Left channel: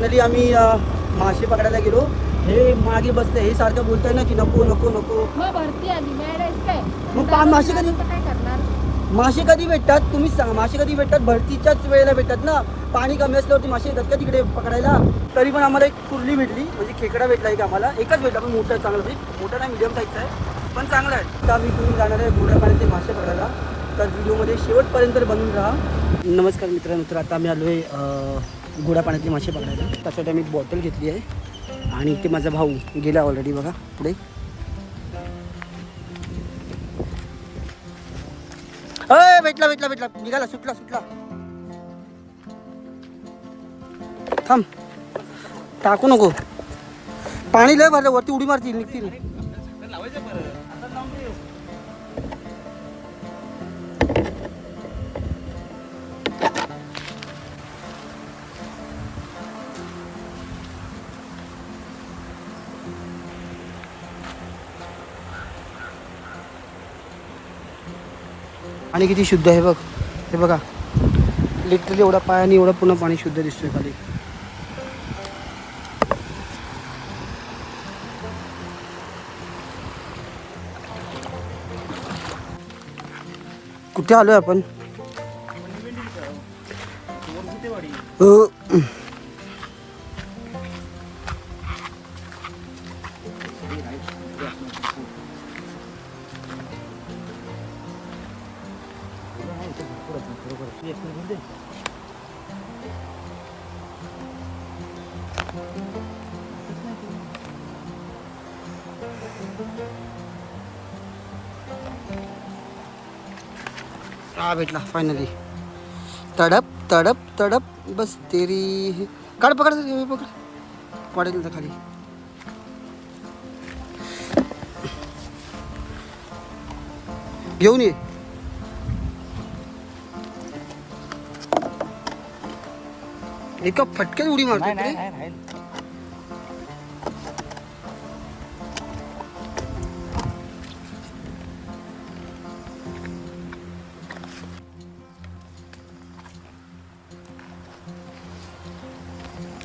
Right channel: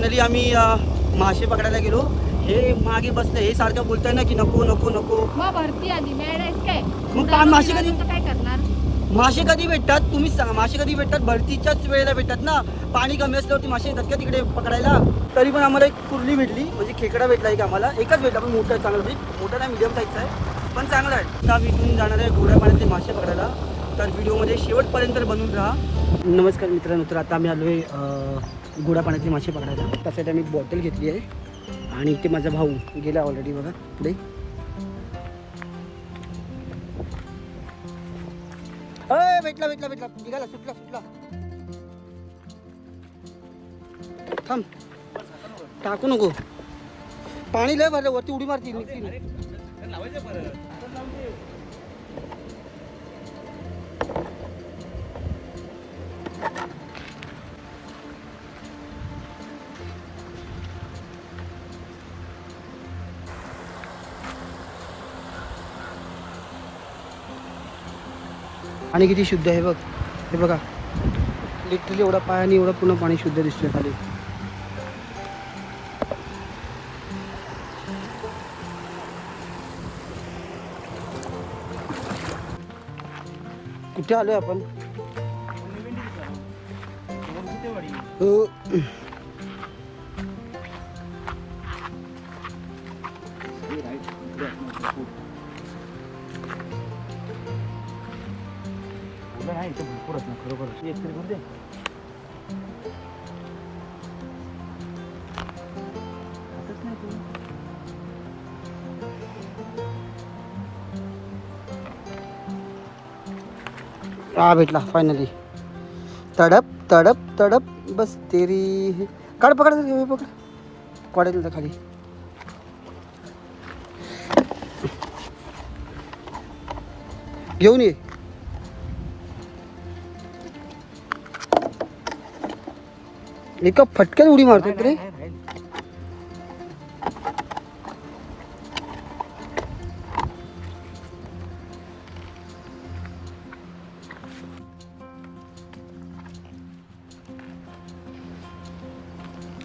Finally आम्ही मासे पकडायला गेलो. हे मागे बसले, हे सारखं बोलताय ना की नको नको नको. मग भरती आली मॅडम काय मग मासे कधी काय करणार? मासे कधी भेटतात तुम्हीच सांगा. मासे कधी भेटतात? भरतीच्याच वेळेला भेटतात ना. पाणी कमी असल्यावरती मासे येतात का तिकडे पकडायला? तरी पण आम्हाला एक कुर्ली भेटली, म्हणजे खेकडा भेटला एक आम्हाला. एकच भेटला पण मोठा आहे, चांगला म्हणजे मोठा नाही, मीडियम साईजचा आहे पण चांगला आहे. आता मी इथून जाणार आहे पुढे पाण्याचे मासे पकडायला. तर व्हिडिओमध्ये शेवटपर्यंत बनून राहा. नमस्कार मित्रांनो, तर आता आम्ही आलो आहे गोड्या पाण्याचे मासे पकडायला. त्यासाठी आम्ही बॉटल घेतली आहे आणि ते माझा भाऊ गेला ऑलरेडी बघा पुढे. भेटला भेटला भेटला, निघाला, सुटला सुटला. थांब, टाकू नको, पाणी लय भरलं वरती, उडी मारतील निघतील. आणि किती शुद्ध आहे बघ, हे बघा लिटरली एवढा पायाने एवढं पूर्ण पाणी शुद्ध दिसतोय खाली. कुठे आलोय आपण? हा भेटला फायनली. तडप तडप तडप बस तेरी. काढ, पकड पकड, पडेल तर खाली. घेऊन ये. एका फटक्यात उडी मारतो रे.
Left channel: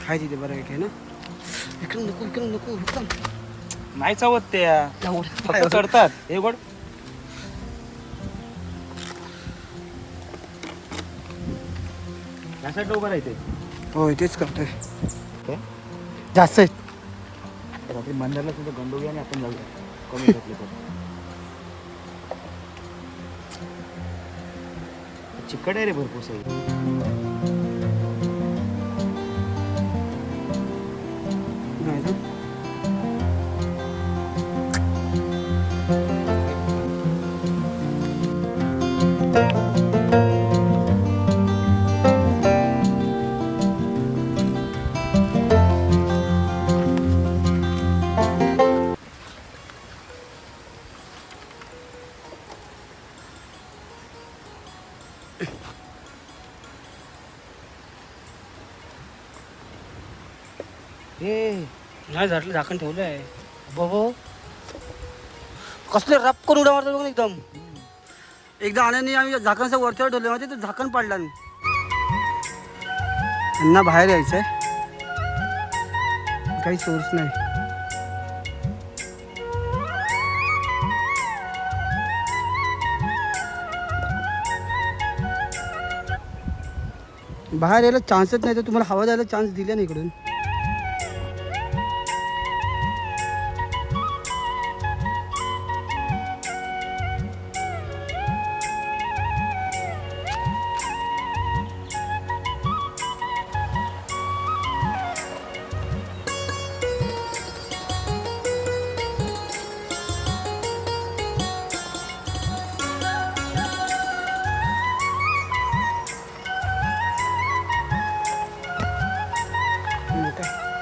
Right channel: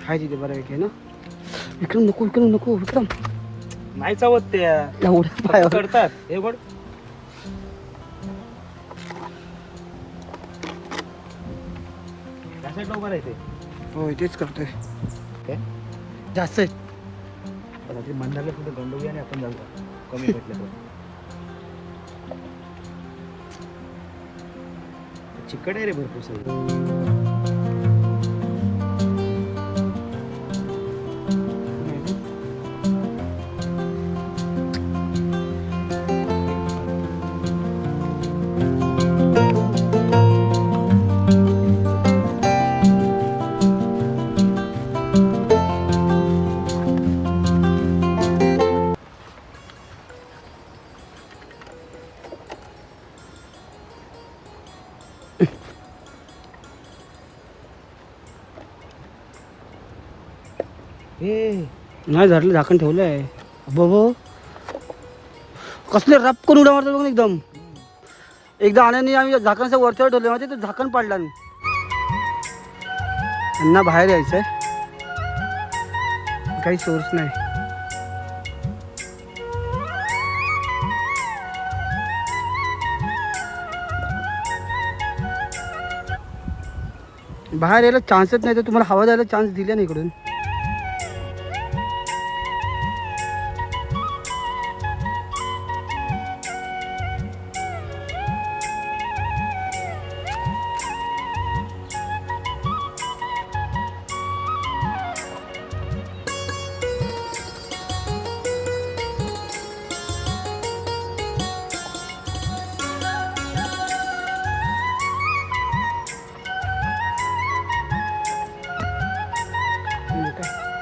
हाय तिथे बरं आहे ना. इकडून नको, इकडून नको, इकडून नाही चावत त्या चढतात. हे गोड कशा डोबर आहे ते. होय तेच करतोय. जास्त आहेत. रात्री मंदारला सुद्धा गंडोगी आणि आपण जाऊया कमी घेतलं तर. चिकट आहे रे भरपूर सगळं. नाही झाडलं, झाकण ठेवलंय. बघ कसले रप करून उड्या मारतो बघ एकदम. एकदा आण्याने आम्ही झाकणचं वरच्यावर ठेवलं माहिती, तर झाकण पाडला. त्यांना बाहेर यायचंय, काही सोर्स नाही. बाहेर यायला चान्सच नाही, तर तुम्हाला हवा द्यायला चान्स दिला नाही इकडून.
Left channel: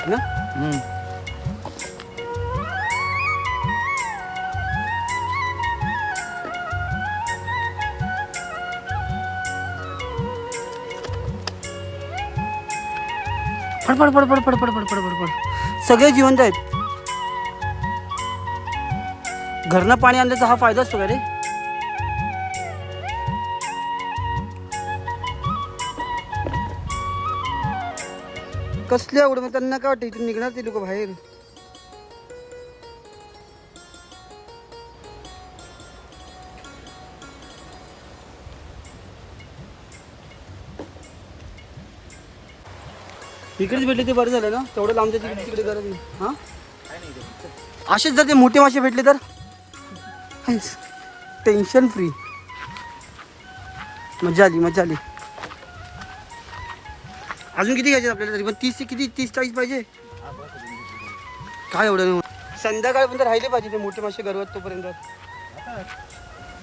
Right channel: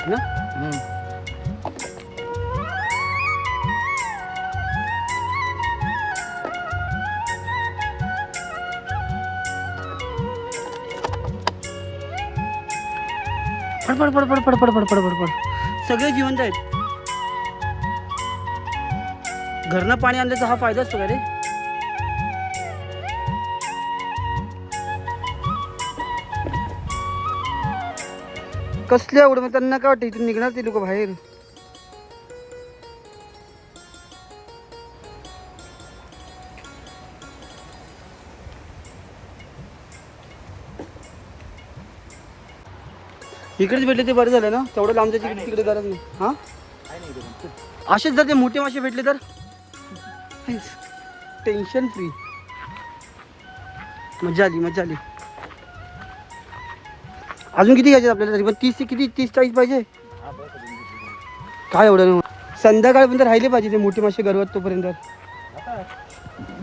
ना फडफड फडफड फडफड फडफड फडफड सगळे जिवंत आहेत. घरनं पाणी आणल्याचा हा फायदा असतो का रे? कसले आवड मग त्यांना काय वाटतं इथून निघणार ते लोक बाहेर. इकडेच भेटले ते बरं झालं ना, तेवढं लांबच्या तिकडे गरज नाही. हा असेच जर ते मोठे मासे भेटले तर टेन्शन फ्री. मजा आली मजा आली. अजून किती घ्यायचे आपल्याला तरी पण 30-40 पाहिजे. काय एवढं नाही, संध्याकाळपर्यंत राहिले पाहिजे ते मोठे मासे गरवत तोपर्यंत.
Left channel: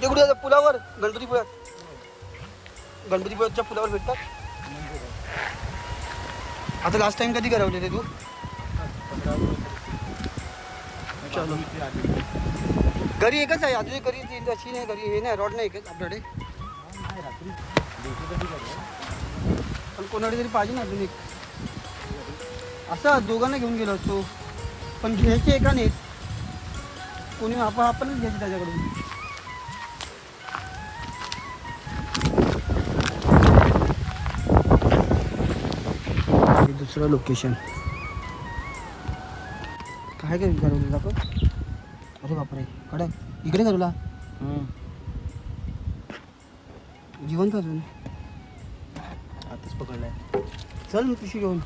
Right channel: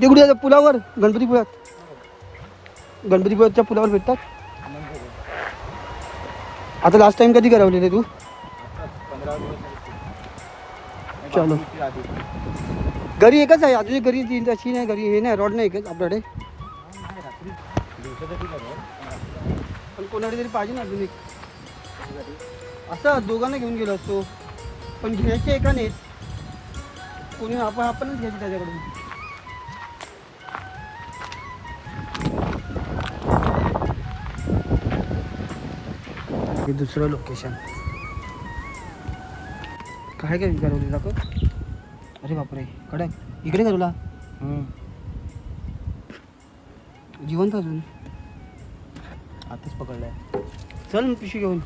ते कुठे जातात? पुलावर, गणपतीपुळाच्या पुलावर भेटतात. आता लास्ट टाइम कधी करवले ते तू? 15 दिवस. चलो. घरी एकच आहे अजून, घरी अशी नाही, घरी हे नाही, रॉड नाही एकच आपल्याकडे. रात्री दिवसासाठी पण कोणाकडे तरी पाहिजे ना अजून एक. असं दोघांना घेऊन गेलो असतो, पण घ्यायचे एका नाहीत कोणी, आपणच घ्यायचे त्याच्याकडून. हे दुसरं लोकेशन काय काय करवलं दाखव. अरे बापरे, कडक इकडे करवला जिवंत अजून. आताच पकडलाय. चल मग पिशवी घेऊन.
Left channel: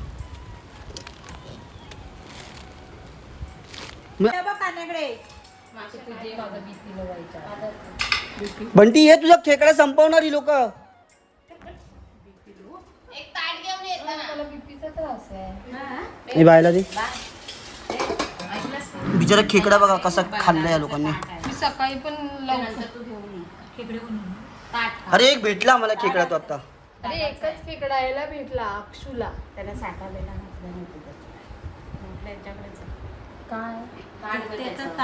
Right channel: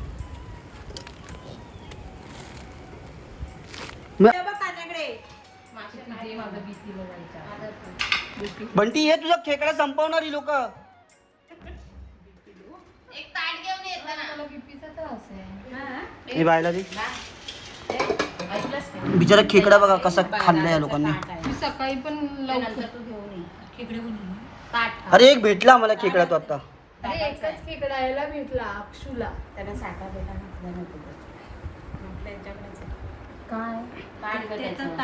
बंटी हे तुझा खेकडा संपवणारी लोक. बायला दे बिचारा खेकडा बघा कसा खाल्लाय या लोकांनी. सकाळी पण अरे एक भेटला आम्हाला खेकडा तो आता. अरे एकच खेकडा यायला भेटला अक्षूला. त्याला साठा बेटा म्हटलं नव्हतं म्हटलं यांच्याकडेच काय